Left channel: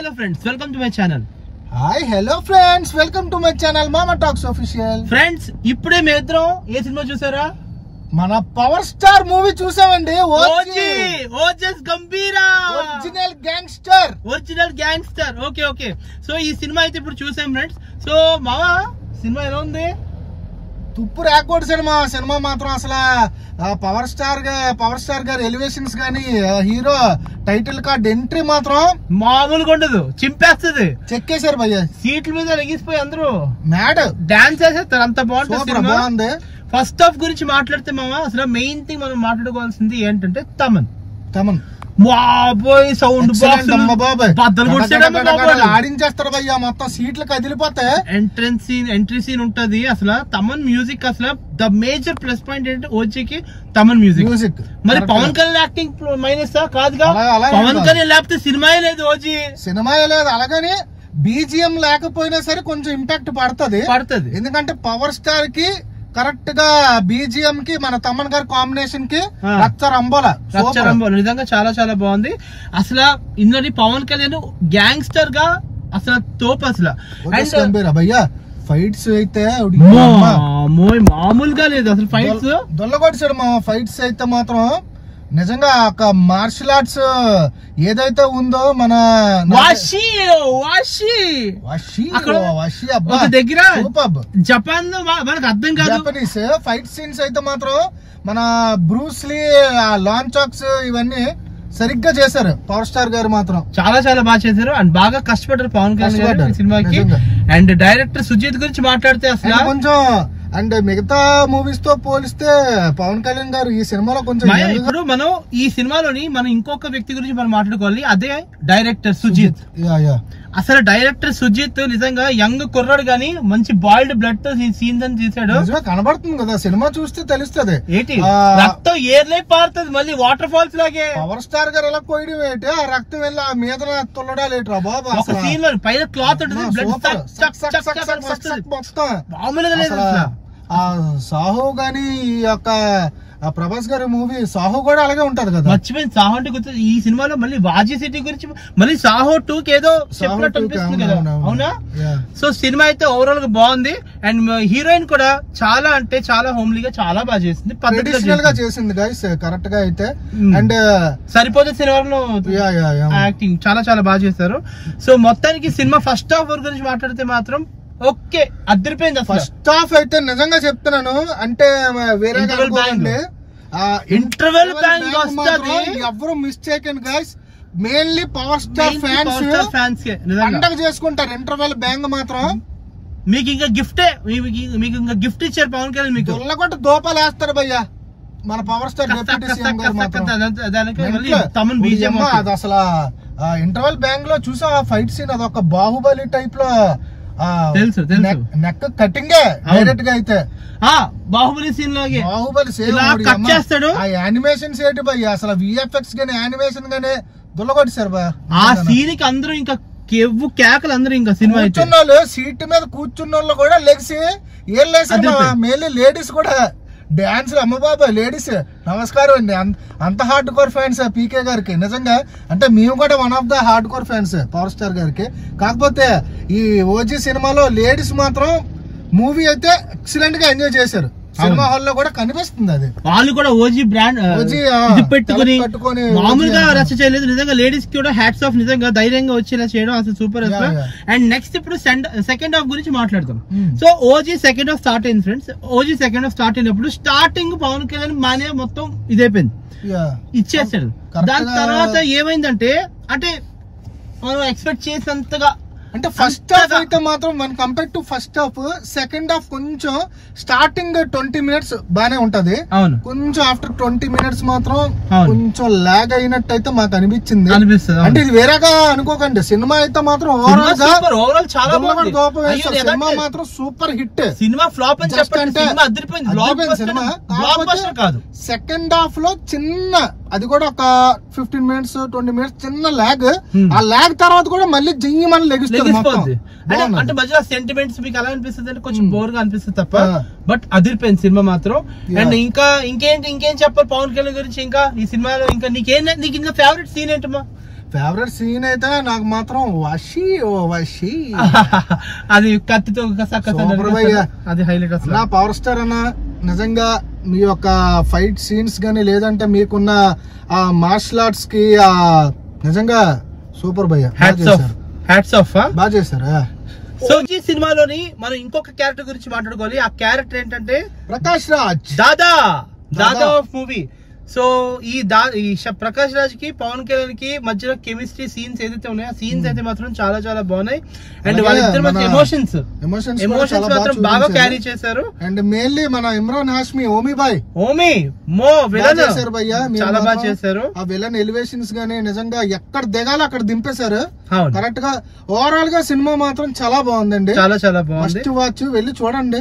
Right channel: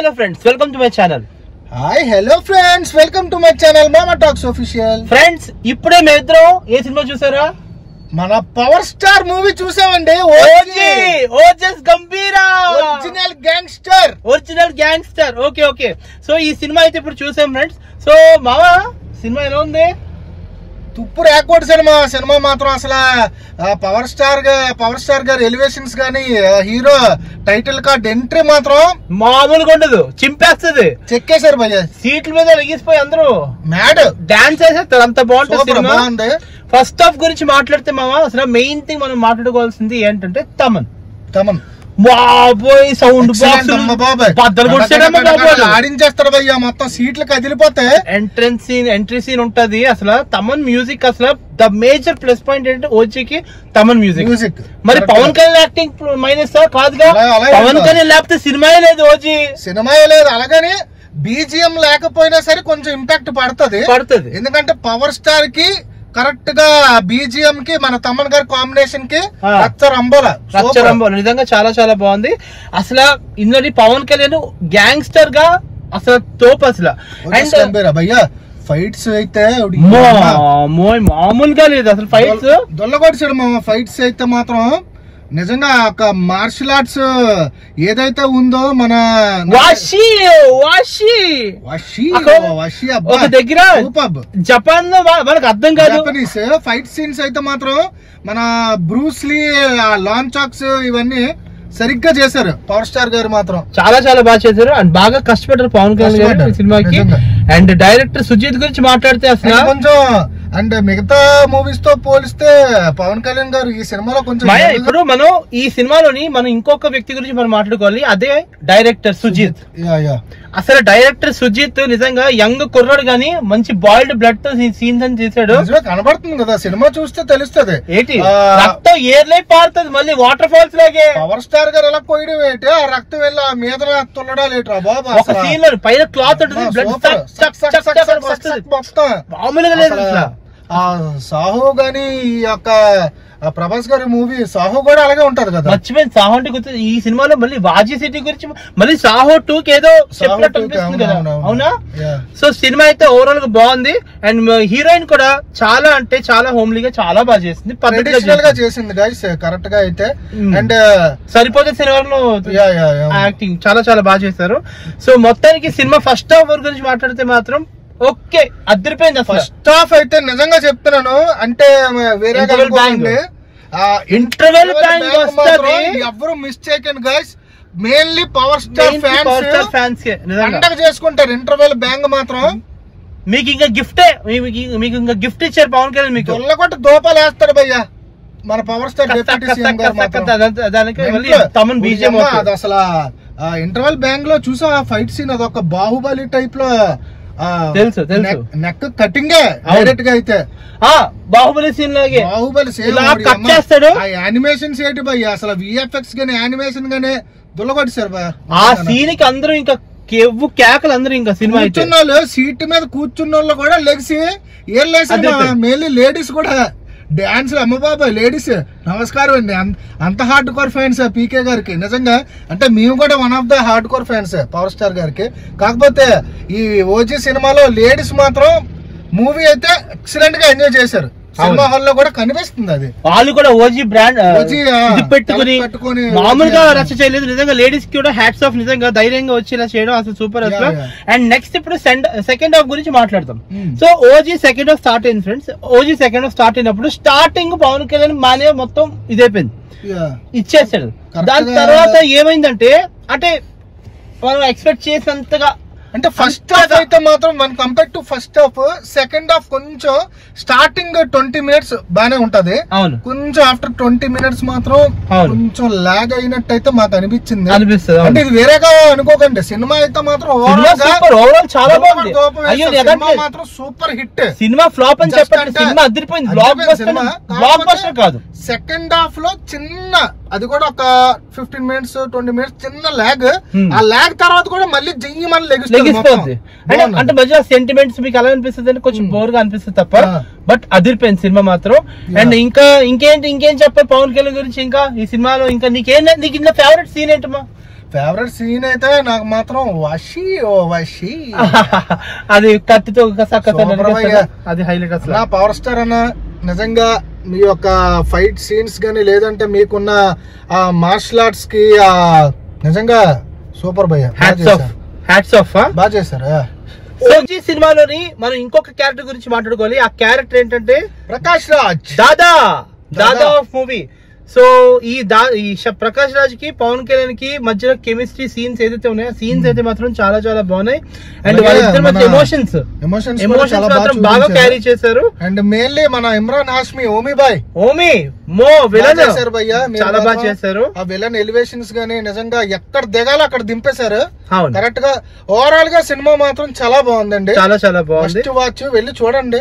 hello friends, welcome to my channel. Hi hello friends, welcome to my channel Mama Talks Official. Friends, ఇప్పుడే మేమిద్దరం ఏ cinema చూసారా? మన power star movie చూసామండి. Ojas గంభీరా original gangster. Okay. So ఈ cinema అయితే ఇప్పుడు చూసాం ఫ్రెండ్స్. సో మావా సినిమా ఎలా ఉంది? తుప్పు రేకోడ్ సినిమా మాత్రం అసలు పవర్ స్టార్ గారి ఎలివేషన్స్ గానీ హీరో టైటిల్ కార్డ్ ఎంట్రీ మాత్రం మామూలుగా ఉండదు, చింపేస్తుంది. చెక్కేశారు భయ్య, సీట్ల మీద లెగిసిపోయి అందరూ మ్యాడ్ డాన్స్ చేసేస్తారు. అంత బాగుంది. ఫస్ట్ హాఫ్ గురించి మాట్లాడితే మామ అసలు మెయిన్ థింగ్ మనం మాట్లాడుకోవాల్సింది ఏంటంటే తమన్ బాబోయ్ సౌండ్ బాక్స్ ఆడించేస్తాడు భయ్య, మొత్తం సీట్లు కదిలిపోతే ఎంట్రీ సీన్ ఉంటది. అసలు తమన్ మ్యూజిక్ అసలు ద మేజర్ ప్లస్ పాయింట్ ఏంటంటే ఓజీకి తమన్ మ్యూజిక్. మరి పవన్ కళ్యాణ్ యాక్టింగ్ మైనస్ కాదుగా, పవన్ కళ్యాణ్ లేకపోతే సినిమాయే లేదు, ఓజీ సినిమాయే లేదు. అలాగని బీజిఎం లేకపోయినా సరే కొంచెం ఇంపాక్ట్ పడుతుంది. ఎందుకంటే పవర్ స్టార్ కి కరెక్ట్ గా బీజిఎం కి మన తమన్ గారి కాంబినేషన్ కి రచ్చరంబోల నిజంగా చాలా చాలా బాగుంది. అసలు ఇందులో పవన్ కళ్యాణ్ గ్యాంగ్స్టర్ గా అసలు తోపు అసలు. భయ్యా ఫైట్స్ అయితే మామూలుగా లేదు అసలు. ఫైట్స్ దొల్లగొడిచాడు మా ఫైట్స్ అయితే మాత్రం నిజంగా ఒక మార్షల్ ఆర్ట్స్ ఏదైతే ఉందో మన దగ్గర జపాన్ లో మనకు అర్థం కాదు. జపనీస్ ఫైట్ సీన్స్ అయితే మాత్రం మన బ్రూస్లీ లాంగ్ చాక్స్ ఇవన్నీ సరిగ్గా చేశారు. పవర్ స్టార్ గారు మాత్రం చాలా చాలా బాగా చేశారు అండ్ బాగా కష్టపడ్డారు పవన్ కళ్యాణ్ గారు సినిమాకి. అండ్ డైరెక్టర్ సుజిత్ గురించి మాట్లాడితే అసలు కొంచెం అండ్ మిగతా మూవీస్ తో పోలిస్తే పవన్ కళ్యాణ్ గారు ఈ సినిమాలో కొంచెం ఇప్పుడు మనం ఈ సినిమాలోని మనం ఇంకొక వ్యక్తి గురించి మనం మాట్లాడుకోవాలి, అదే డైరెక్టర్ సుజిత్. అసలు డైరెక్టర్ సుజిత్ నిజంగా యంగ్ కుర్రాడు గానీ మంచి బాయిల్డ్ బ్లడ్ తో సీన్స్ అని చేశాడు. కనబడుతుంది కదా సినిమా చూస్తే తెలుస్తుంది. ఏంటి రక్తం ఏర్లై పారుతుంది మళ్ళీ వాటర్ ఫాల్స్ లాగే. పవర్ స్టార్ గారు ఎలా పోయడం ఏంటి, ఆ రక్తం వెళ్ళి ఆ మీద తుల్లడాలు ఏంట్రా బాబా. ఒక సీన్ లో పైన క్లాత్ ఉంటుంది, మొత్తం మామూలుగా లేదు. ఆ సాహో గాని ఈ యొక్క ప్రభాస్ గారి మూవీ సాహో కూడా అలాగే ఉంటది కదా. మర్చిపోయింది సాహో అంటే గుర్తు. ఈ సినిమాలో మళ్ళీ వాజీ సిటీ గురించి మళ్ళీ సాహో 2 కి ఏదో అవునా. సో సినిమా అయితే ఓవరాల్ గా బాగుంది. అండ్ హీరోయిన్ కూడా చాలా అంటే చాలా హోమ్లీగా చాలా బాగా చేసింది, పద్ధతిగా చేసింది గైస్ కరెక్ట్ గా అయితే. అండ్ సరిపోతే సినిమాలో యాక్టింగ్ చాలా చాలా బాగా చేశారు. సో మొత్తానికి సినిమా ఫస్ట్ హాఫ్ గురించి మాట్లాడితే మాత్రం ఓకే అదిరిపోయింది. ఫస్ట్ హాఫ్ అయితే నిజంగా చెప్తున్నాను అంటే వేరే ఇంటర్వెల్ ఎవరు మిస్ చేయకండి guys. Mainly power star fans పండగ చేసుకుంటారు. ఇంటర్వెల్ బ్యాంగ్ మాత్రం మీకు ఇంకా గిఫ్ట్ ఇచ్చారు పవన్ కళ్యాణ్. మీకు కొట్టి దోపాలు వేస్తాడు భయ్యా మన పవర్ స్టార్ డిప్యూటీ సీఎం గారు మాత్రం. అది అసలు ఇంటర్వెల్ బ్యాంగ్ లో చూసా ఫైట్ సీన్ అదొక బాహుబలి టైప్ లో తెలుసు నెక్ కటింగ్ డైరెక్ట్ గా అయితే బాహుబలి సీన్ లాగే చేస్తాడు. ఆ యానిమేషన్స్ ఏంటి భయ్య అసలు విఎఫ్ఎక్స్ గానీ యానిమేషన్ గానీ దుల్లగొట్టారు భయ్య. ఆ సీన్ కి అందరూ ఇంకా కేకలు అందరూ ఇంకా సినిమా కూర్చున్న వాళ్ళు సీట్ మీద కూర్చున్న వాళ్ళు కూడా లెగ్సి ఏం లేసి మెయిన్లీ లేడీస్ కూడా డాన్స్ అమ్మ బాబాయ్ లేడీస్ నమస్కారం అండి. అంత హార్డ్ కోర్ ఫ్యాన్స్ పీకే గారికి నిజంగా. అంటే మేము కూడా one of the hard core fans power star గారికి. కాకపోతే ఈ ఓజీ సినిమాలో లేడీస్ మాత్రం మూవీ అయితే ఎక్సలెంట్ గా ఎంజాయ్ చేశారు. సినిమా హాల్ లో కూడా కనిపిస్తుంది. అది వాళ్ళు కూడా ఓజీ బ్రాండ్ పెట్టుకుని మామూలుగా రచ్చ చేయలేదు. నిజంగా లేడీస్ కి కూడా హ్యాట్స్ ఆఫ్. నిజంగా ధైర్యంగా వచ్చేలా చేయడం అసలు సూపర్ అసలు. అండ్ నెక్స్ట్ ఇప్పుడు సెకండ్ హాఫ్ గురించి మాట్లాడతాం. So OG second half start అయింది friends. OG second half start అయినప్పుడు స్టార్టింగ్ పవన్ కళ్యాణ్ మానే మొత్తం ఇదైపోయింది, ఇచ్చేసాడు. దాని తర్వాత ఏమైందంటే అంటే మనం ఎక్స్పెక్ట్ చేసినంతగా అంటే ఫస్ట్ హాఫ్ అయితే మాత్రం one compare to first half second half కొంచెం స్టార్టింగ్ 20 minutes బానే ఉంటది. కొంచెం ఆఫ్టర్ 20 minutes మాత్రం కొంచెం లాగ్ అయినట్టు అయితే మాకు అనిపించింది. అంటే ఇది వేరేగా అనుకోకండి. సినిమా అయితే మాత్రం ఓవరాల్ చాలా బాగుంది. సినిమా మాత్రం సూపర్ హిట్. సినిమా ఫ్లాప్ అని చెప్పండి, సినిమా అదిరిపోయింది. సెకండ్ హాఫ్ లో చిన్న అది కూడా ఒక 15 minutes 20 minutes చిన్న లాగ్. ఆ లాగ్ తర్వాత కూడా మళ్ళీ జయ్యమని లెగుస్తుంది. అంటే మధ్య సెంటిమెంట్స్ మీకు ఎలా అనిపిస్తుంది అంటే కొంచెం బోర్ గా అనిపిస్తుంది తప్ప, బట్ అదిరిపోయింది సినిమా మాత్రం. అండ్ ఇంకేం చెప్పారు పవన్ కళ్యాణ్ గురించి? ఇంకా ఈ సినిమాలో ఇంకా నీకు ఇంట్లో ఫేవరెట్ సీన్ ఏంటమ్మా? ఫేవరెట్ సీన్ అయితే నాకు మాత్రం వషి అది కత్తితో అది హైలైట్ అసలు. నా పవర్ స్టార్ అన్న నిజంగా మీ యొక్క ఫైట్ సీన్స్ గానీ లేదంటే మీకున్న ఆ మార్షల్ ఆర్ట్స్ కి నిజంగా సూపర్ భయ్య. హ్యాట్స్ ఆఫ్ బాగా చేశారు. సో ఈ సినిమాలోని మనం ఇంకొక క్యారెక్టర్ గురించి మాట్లాడుకోవాలి. ఆ క్యారెక్టర్ ఏంటంటే ప్రకాష్ రాజ్, దాదా ఆఫ్ మూవీ. సో ఈ ప్రకాష్ రాజ్ కి పవన్ కళ్యాణ్ కి మధ్యలో కెమిస్ట్రీ సీన్స్ ఏదైతే ఉన్నాయో సీన్స్ అయితే మాత్రం చాలా చాలా బాగున్నాయి. అండ్ వాళ్ళిద్దరి మధ్య ఎమోషన్స్ మాత్రం బాగా క్యారీ చేశారు. అండ్ మెయిన్లీ మన ఇమ్రాన్ హాష్మి ఓమీ విలన్ చాలా బాగా చేశారు. ఆ విలన్ ఎలివేషన్స్ గానీ నిజంగా ఎక్కడ దిగాలో అక్కడ దింపేశారు కరెక్ట్ గా. ఓవరాల్ గా సినిమా మాత్రం చాలా బాగుందండి, చాలా చాలా బాగుంది. వాచ్ వెళ్ళి చూడండి,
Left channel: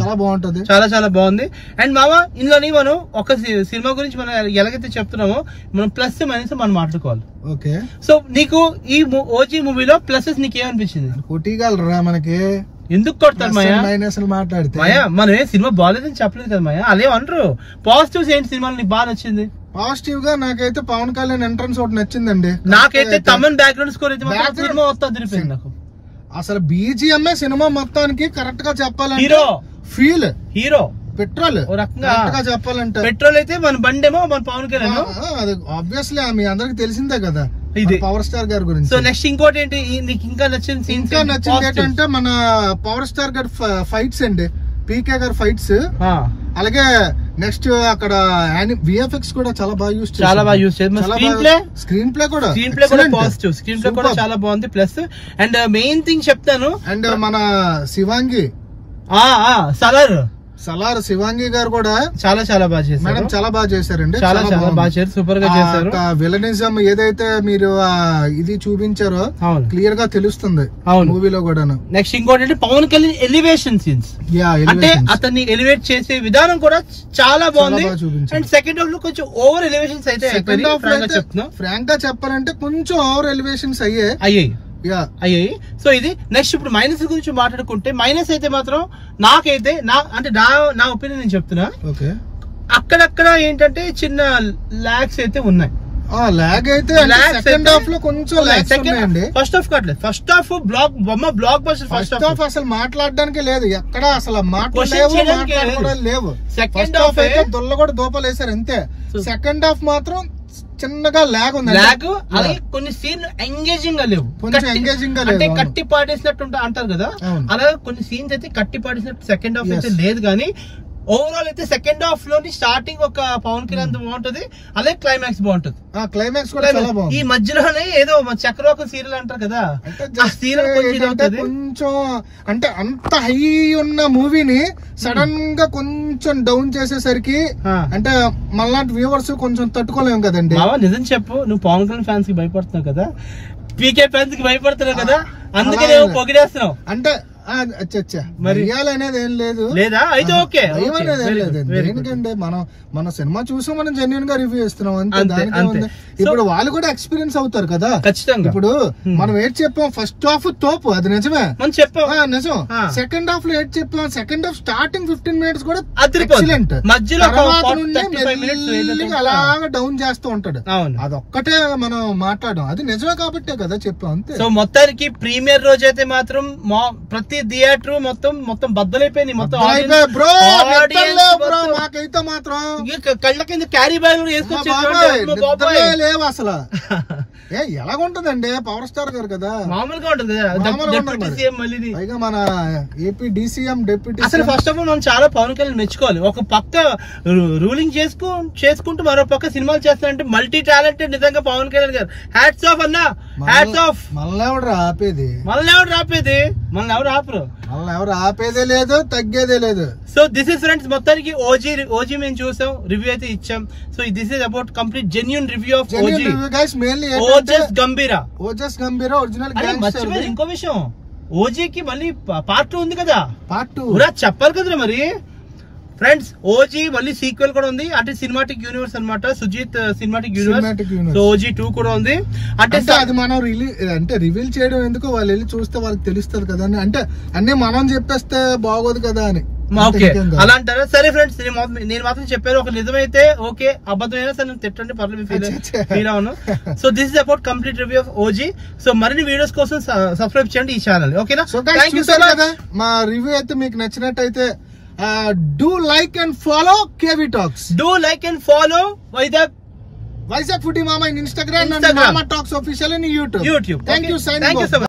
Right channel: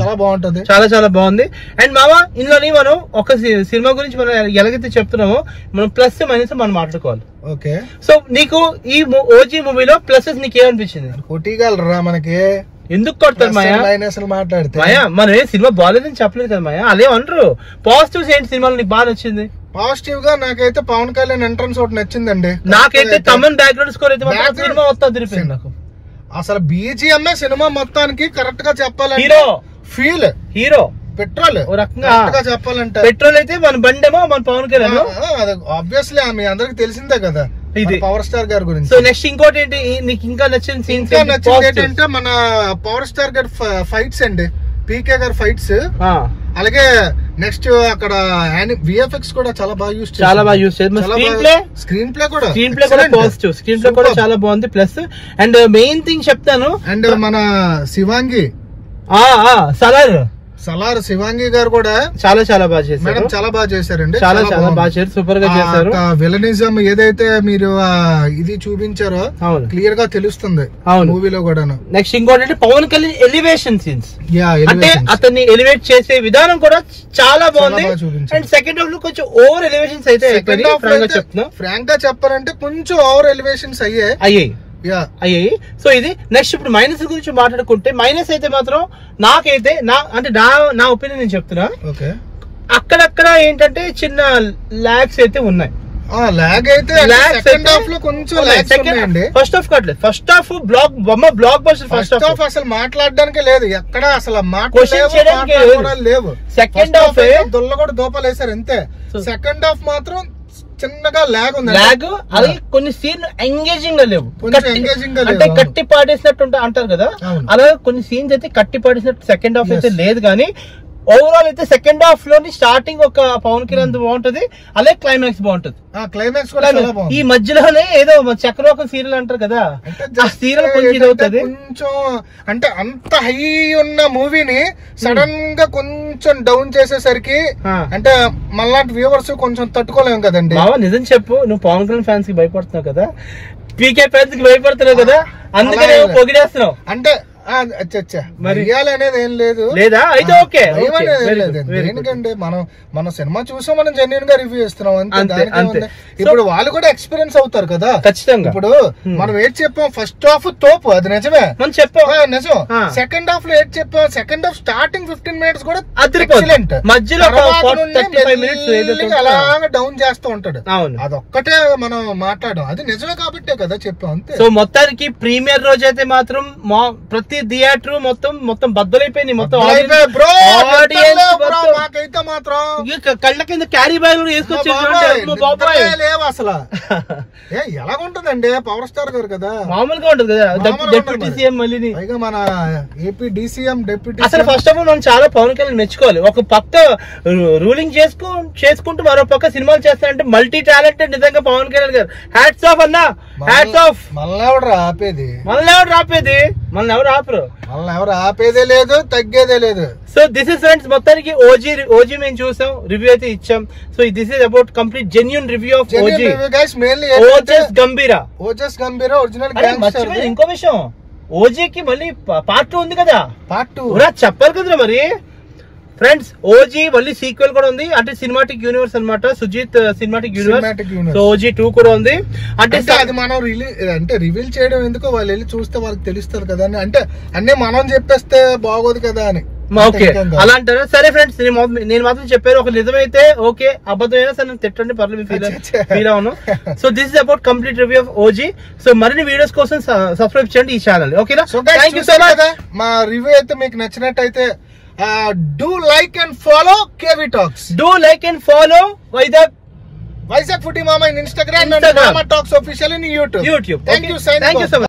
చాలా బాగుంటది, చాలా చాలా బాగుంది. అండ్ మామ ఇందులోని మనం ఒక సినిమా గురించి మనం ఎలాగైతే చెప్తున్నామో మనం ప్లస్ మైనస్ మనం మాట్లాడుకోవాలి. ఓకే. సో నీకు ఈ ఓజీ మూవీలో ప్లసెస్ నీకు ఏమనిపించింది? కొట్టిగలరా మనకి? ఎందుకు కొడతారు మాయా? మాట్లాడితే మాయా మనం ఏ సినిమా బాగాలేదని చెప్పలేదు కదా మాయా, అదే అంటారు. పాజిటివ్స్ ఏంటి సినిమాలో నీకు బాగా నచ్చింది? పాజిటివ్ గా నాకైతే పవన్ కళ్యాణ్ ఎంట్రన్స్ ఒకటి నచ్చిందండి. నాకైతే తమన్ బ్యాక్గ్రౌండ్ స్కోర్ అయితే సినిమా మొత్తం తిరిగిపోయింది నాకు. అసలు బీజిఎంఏ సినిమా మొత్తానికి కరెక్ట్ గా చెప్పాలంటే హీరో పెట్రోల్ చెప్పాలంటే పెట్రోల్ అయితే మన బండేమో మన పవన్ కళ్యాణ్. ఆబ్వియస్లీ మీ అందరికి తెలిసిందే కదా పవర్ స్టార్ గారి గురించి. సో నెక్స్ట్ ఇంకోటి ఏంటి నీకు ఇంకా నచ్చిన సీన్స్? నచ్చింది ఏంటంటే మన పవర్ స్టార్ గారి ఫైట్స్ అండి, పీకే గారి ఫైట్స్. అలాగే నెక్స్ట్ అక్కడ విఎఫ్ఎక్స్ కూడా చాలా బాగా యూస్ చేశారు. స్క్రీన్ ప్లే కూడా పాజిటివ్, స్క్రీన్ ప్లే కూడా చాలా బాగుంది. ప్లస్ అండ్ మెయిన్ థింగ్ చెప్తాను, అండ్ మన శివాంగి సలార్ శివాంగి గారు కూడా చాలా చాలా బాగా చేశారు. మేడం చాలా బాగా చేశారండి, చాలా చాలా బాగా చేశారు, సూపర్ గా చేశారు. విలనిజం ఏదైతే మీరు ఇది చూపించారో క్లియర్ గా తెలుస్తుంది మూవీలో కూడా. నెక్స్ట్ ఇంకోటి అంటే పవన్ కళ్యాణ్ ఎలివేషన్ సీన్స్, అంటే అతన్ని ఎలివేట్ చేసే విధానం కూడా చాలా బాగుంది. అండ్ సెకండ్ హాఫ్ లో కొంచెం ఓవర్ ఎలివేషన్స్ అయితే ఫ్రాంక్ గా చెప్పాలంటే కొంచెం ఓవర్ ఎలివేషన్స్ అయ్యాయి. సో ఇది నెక్స్ట్ ఇప్పుడు మైనస్ గురించి మాట్లాడుకుంటే, మైనస్ అయితే మాత్రం నాకైతే నా ఒపీనియన్ నేను చెప్తున్నా, అక్కడక్కడ ఏంటంటే చిన్న లాగ్స్ అయితే ఉన్నాయి. ఫస్ట్ హాఫ్ కట్లేదు, first half blockbuster. First half అసలు మాట్లాడడానికి లేదు, ఎక్కడ అసలు లేవు. సెకండ్ హాఫ్ దొల్ల కూడా దోపలేసారు అంతే. సెకండ్ హాఫ్ మాత్రం చిన్నగా లాగ్ ఉంది, అలాగే కొన్ని సీన్ ఎంగేజింగ్ గా లేవు, అంటే కట్టి పాడేసినట్టు అంటారు కదా, అలాగే కొన్ని సీన్స్ అయితే కట్టి పాడేసినట్టు సెకండ్ హాఫ్ అయితే లేదు. కానీ ఓవరాల్ అయితే సెకండ్ హాఫ్ లోని స్టార్టింగ్ ఒక పవన్ కళ్యాణ్ బాగుంటది, అలాగే క్లైమాక్స్ బాగుంది. క్లైమాక్స్ ఈ మధ్యలోనే ఏదో చక్రవాకం సీరియల్ అంటారు కదా, ఆ సీరియల్ కొంచెం అంటే అంత హై ఉన్న మూవీని సడన్ గా కొంచెం డౌన్ చేసేసరికి అంటే మళ్ళాంటి వ్యూవర్స్ కొంచెం తట్టుకోలేము కదండి. నిజం చెప్పు, నువ్వు పవన్ కళ్యాణ్ ఫ్యాన్స్ కి భయపడుతున్నావు కదా, పీకే ఫ్యాన్స్ కి భయపడుతున్నావు కదా, అందుకనే పొగిడేస్తున్నావు అంటే అనేది ఏం లేదు లేదా? అయితే ఓకే, ఎందుకంటే మన సినిమా చూసాం, మనం జెన్యూన్ గా రివ్యూ చేస్తున్నాం అంతే. ఇప్పుడు వాళ్ళు కూడా ఎక్స్పీరియన్స్ అవుతారు కదా ఖచ్చితంగా. ఇప్పుడు మనం ఏం చెప్పాం, ఫస్ట్ హాఫ్ తోపు, అది నిజమే మనం చెప్పాం, నిజం. సెకండ్ హాఫ్ లో ఏం చెప్పాం, సెకండ్ హాఫ్ స్టార్టింగ్ 15 minutes కూడా ఎక్సలెంట్, మధ్యలో అలాగా డౌన్ చేస్తూ ఉంటాడు. అదొక్కటే మనం మాట్లాడడం, అది నిజమే కాబట్టే కదా చెప్పాం అంతే. సో మొత్తానికి ప్రీమియర్ రోజు అయితే మాత్రం ప్రతి థియేటర్ మొత్తం బద్దలైపోయింది, మొత్తం కళ్ళ కింద క్యారీ బ్యాగ్ లేవు అసలు. ఎలాగుంటదండి పవర్ స్టార్ గారు కదా, మామూలుగా ఉంటది కదా, డిప్యూటీ సీఎం మళ్ళీ పైగా మన ఏపీ డీసీఎం డిప్యూటీ. అసలు ఫస్ట్ ఆఫ్ ఆల్ మనం చాలా పవన్ కళ్యాణ్ మెచ్చుకోవాలి. ఒక పక్క రూలింగ్ చేసుకుంటూ మరో పక్క సినిమాలు చేస్తారంటే మల్టీ టాలెంటెడ్ నిజంగా పవన్ కళ్యాణ్ గారు. హ్యాట్స్ ఆఫ్ అన్నా, హ్యాట్స్ ఆఫ్. మనల్ని ఎవరు ఆపేది, మనల్ని ఎవరు ఆపరు, మనల్ని ఎవరు ఆపేదే లేదు, తగ్గేదే లేదు. సో దిస్ ఇస్ ఫ్రెండ్స్, మొత్తానికి ఓజీ మేము చూసాం, రివ్యూ అయితే ఇచ్చాం. So this is about complete genuine review of OG. Ojas గంభీరా original. ఇంకో విషయం, ఓజీకి మళ్ళీ పార్ట్ 2 ఉంది కదా, పార్ట్ 2 చెప్పాలి కదా మరి ఫ్రెండ్స్. ఓజీ మళ్ళీ సీక్వెల్ కూడా ఉంది, అంటే సినిమాటిక్ యూనివర్స్ అన్నమాట, Sujeeth cinematic universe. So OG 2 కూడా ఉంది. అంటే అది మనం రివీల్ చేయడం ఎందుకు, వాళ్ళు వెళ్ళి చూస్తే వాళ్ళకి తెలుస్తారు కదా అని, అంటే అన్ని మనం చెప్పేస్తే బాగోదు కదా అని. ఓకే అలా అంటారా? సరే ఫ్రెండ్స్, నేను మాత్రం చెప్పారు, ఒక నిజమైతే ఓకే, అబద్ధం అయినా సరే నేను తిట్టండి, పర్లేదు, ఫీల్ అవును. So this is about complete review of OG. So మరిన్ని వీడియోస్ కోసం సబ్స్క్రైబ్ చేయండి ఈ ఛానల్. ఓకేనా? Thank you so much. మా రివ్యూ అయితే మీకు నచ్చినట్టయితే do like and follow KV talks. Do like and follow Vizag foodie మామ in Instagram and Mama Talks Official in YouTube. YouTube. Thank you so much.